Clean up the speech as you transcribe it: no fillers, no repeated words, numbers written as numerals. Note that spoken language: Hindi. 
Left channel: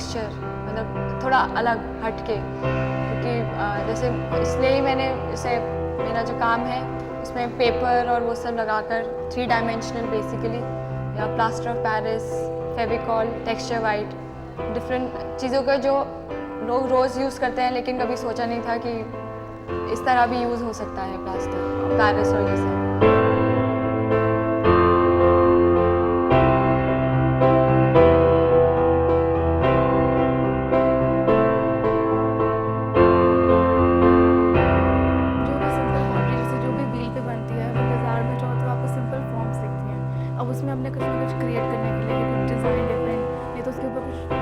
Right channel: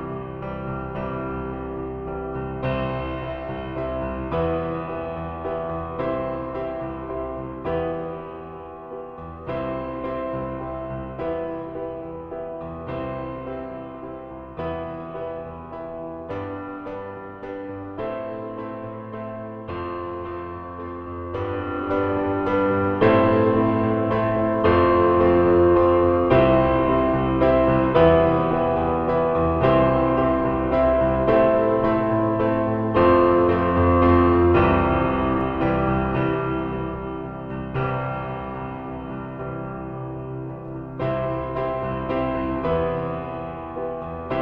टेक्सचर, मतलब थोड़ा अलग हटके, क्योंकि जैसे इसलिए ही मैंने इसे, मेरा जो काम है उसमें पेपर और वो सब लगाकर 3 डायमेंशनल बेसिकली, या plaster of Paris, Fevicol, texture white, different चीज़ों का जो लोग रोज़ यूज़ करते हैं, लेकिन कभी सोचा नहीं था कि इस तरह भी यूज़ हो सकता है प्लास्टर पेरिस और ये सब। उसमें हमने कुछ ना कुछ क्रिएट करने के लिए कुछ डिजाइन डिफरेंट, नहीं तो उसके ऊपर कुछ